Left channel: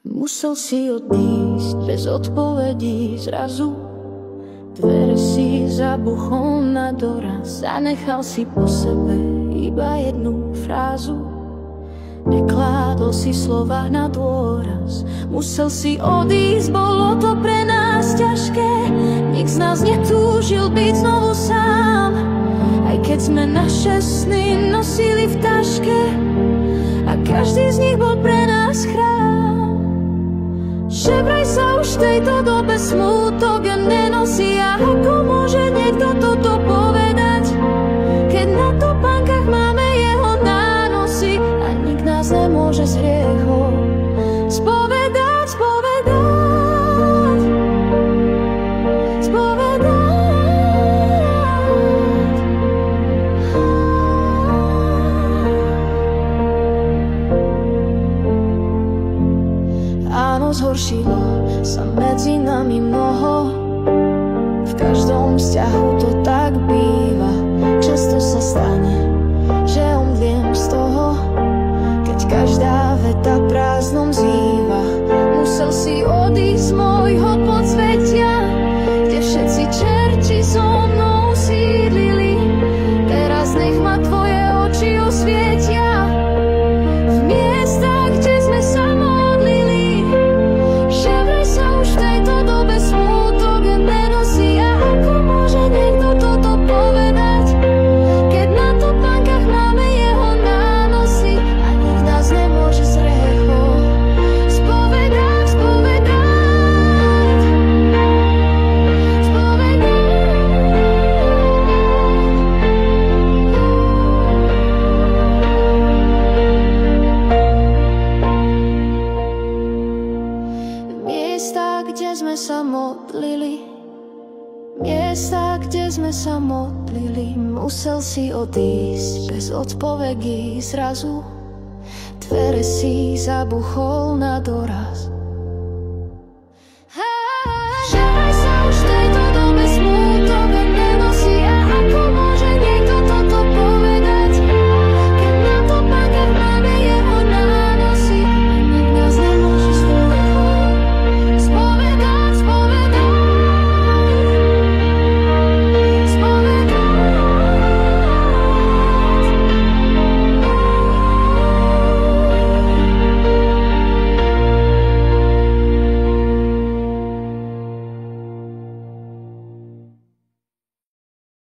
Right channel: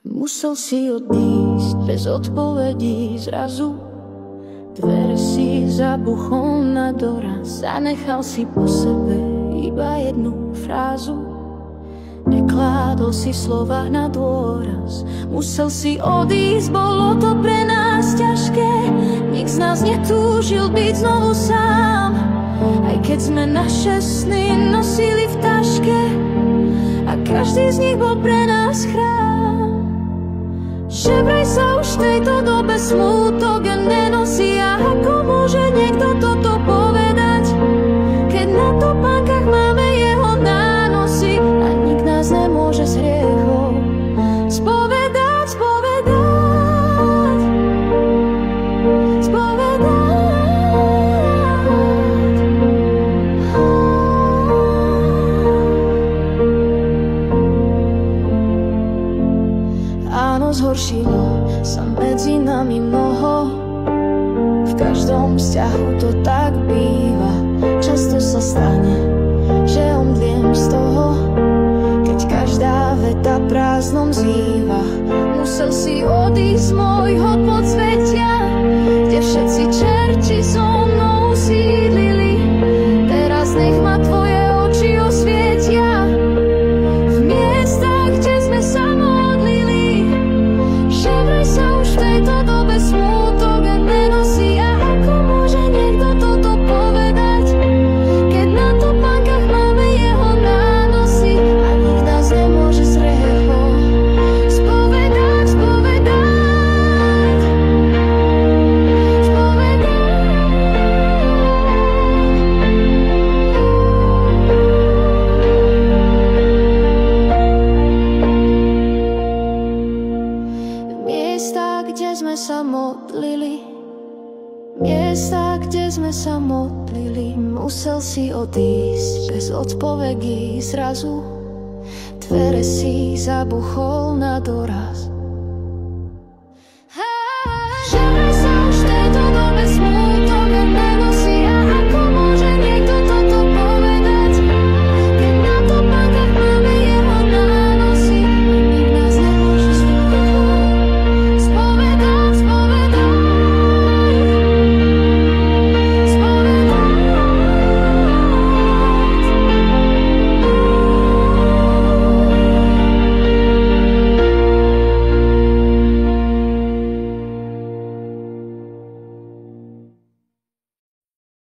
Musel si odísť bez odpovedí zrazu. Dvere si zabuchol na doraz. Zanechal si po sebe iba jednu frázu. Nekládol si slova na dôraz. Musel si odísť, bolo to pre nás ťažké. Nik z nás netúžil byť znovu sám. Aj keď sme naše sny nosili v taške a každý z nich bol pre nás chrám. Že vraj sa už v tejto dobe smútok nenosí. A ako môže niekto toto povedať, keď na topánkach máme jeho nánosy a nik nás nemôže z hriechov spovedať, spovedať, spovedať. Áno, zhoršilo sa medzi nami mnoho. V každom vzťahu to tak býva. Často sa stane, že omdliem z toho, keď každá veta prázdnom zýva. Musel si odísť z môjho podsvetia, kde všetci čerti so mnou sídlili. Teraz nech ma tvoje oči osvietia v miestach, kde sme sa modlili. Že vraj sa už v tejto dobe smútok nenosí. A ako môže niekto toto povedať, keď na topánkach máme jeho nánosy a nik nás nemôže z hriechov spovedať, spovedať, spovedať. Miesta, kde sme sa modlili, miesta, kde sme sa modlili. Musel si odísť bez odpovedí zrazu. Dvere si zabuchol na doraz.